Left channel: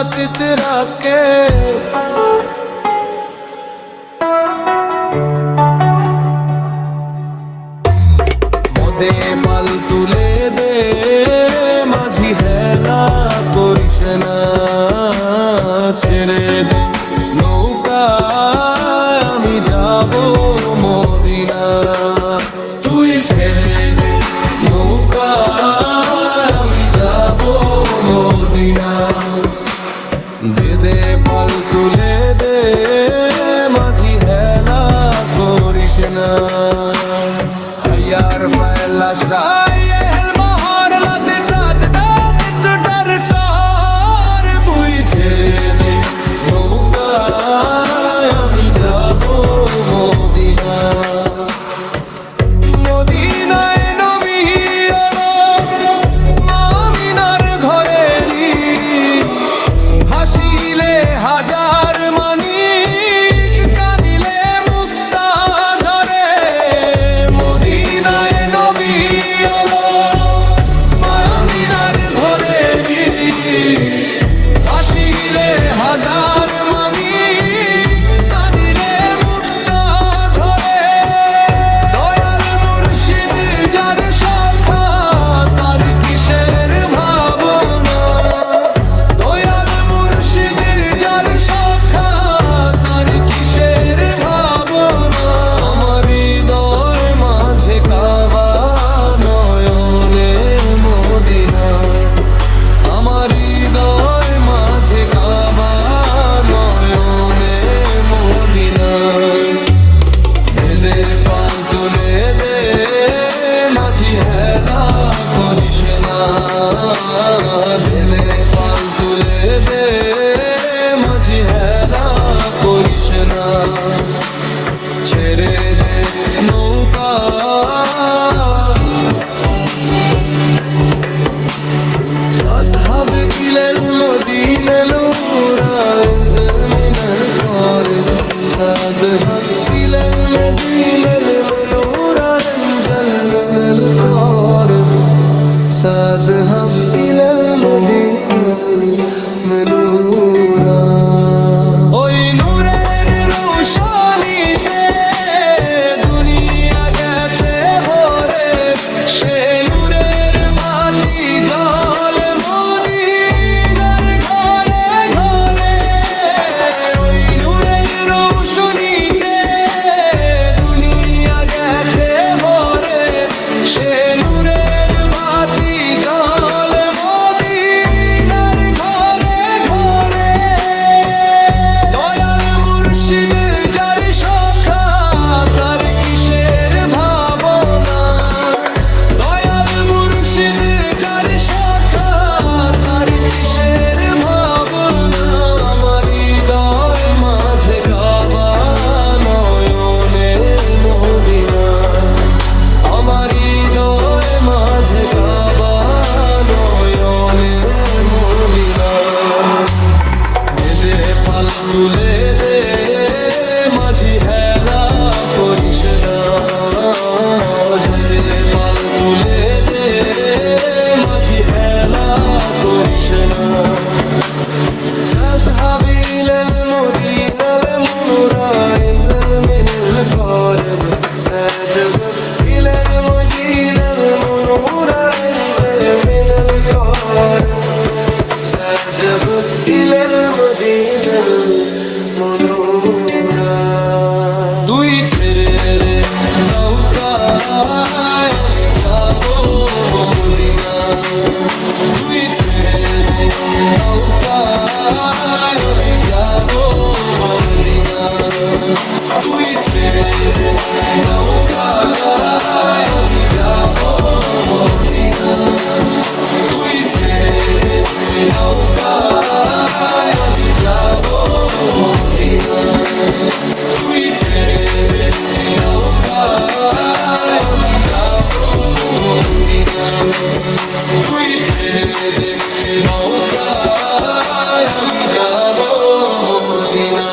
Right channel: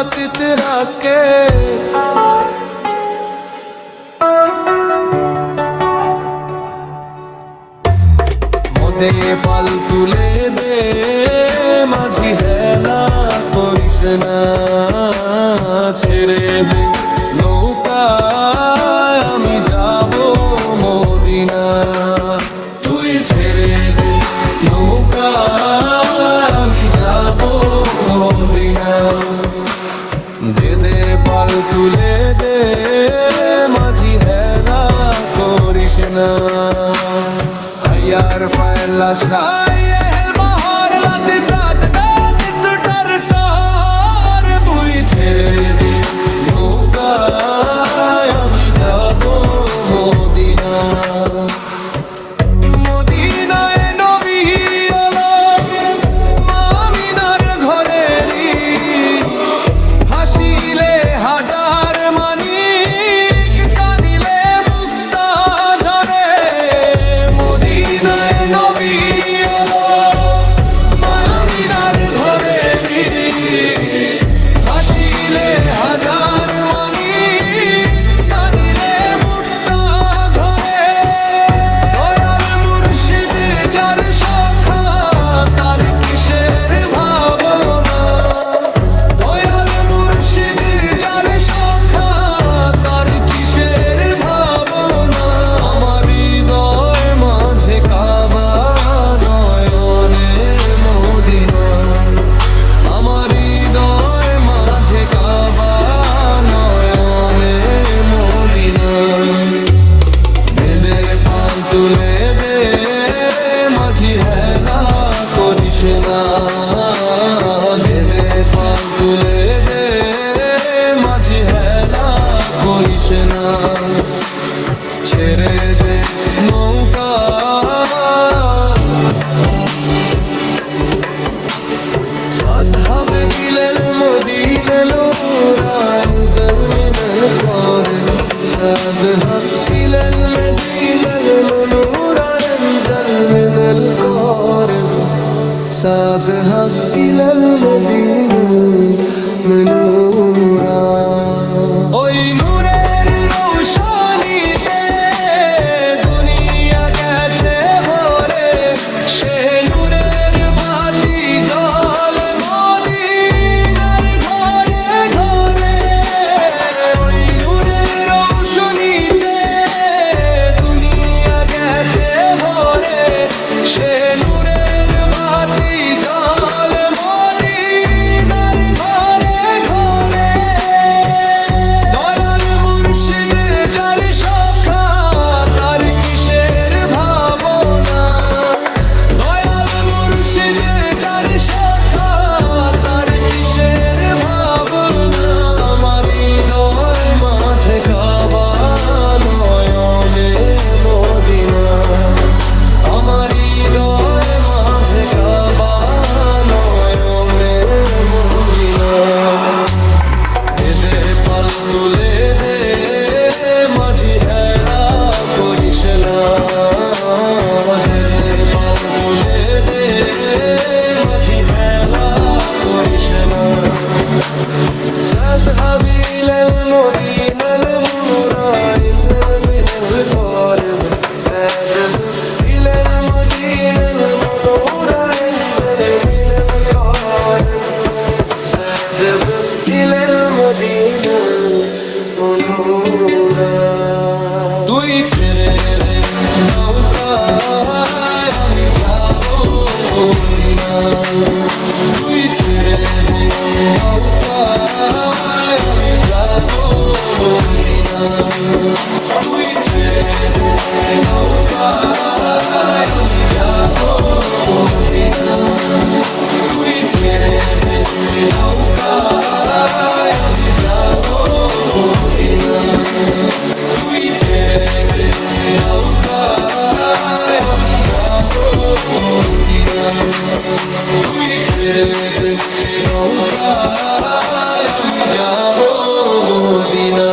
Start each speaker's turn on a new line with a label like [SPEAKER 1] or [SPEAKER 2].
[SPEAKER 1] लातित रखे মদে পাল তুলে দে মাঝি হেলা করিস না ছেড়ে দে নৌকা আমি যাব মদিনা তুই ছেড়ে দে নৌকা আমি যাব মদিনা দে দে পাল তুলে দে মাঝি হেলা করিস না। হাইয়ার ফাইলাস হেল বাহার লাতে নৌকা اذهب إلى المدينة نورا انزل من القارب ساذهب إلى المدينة المنورة انزل من القارب ساذهب إلى المدينة المنورة তুলে দে মাঝি হেলা করিস না দে দে পাল তুলে দে মাঝি হেলা করিস না ساذهب إلى المدينة المنورة انزل من القارب ساذهب إلى المدينة মনোরা দুই ছেড়ে রে নৌকা যাব মদিনা।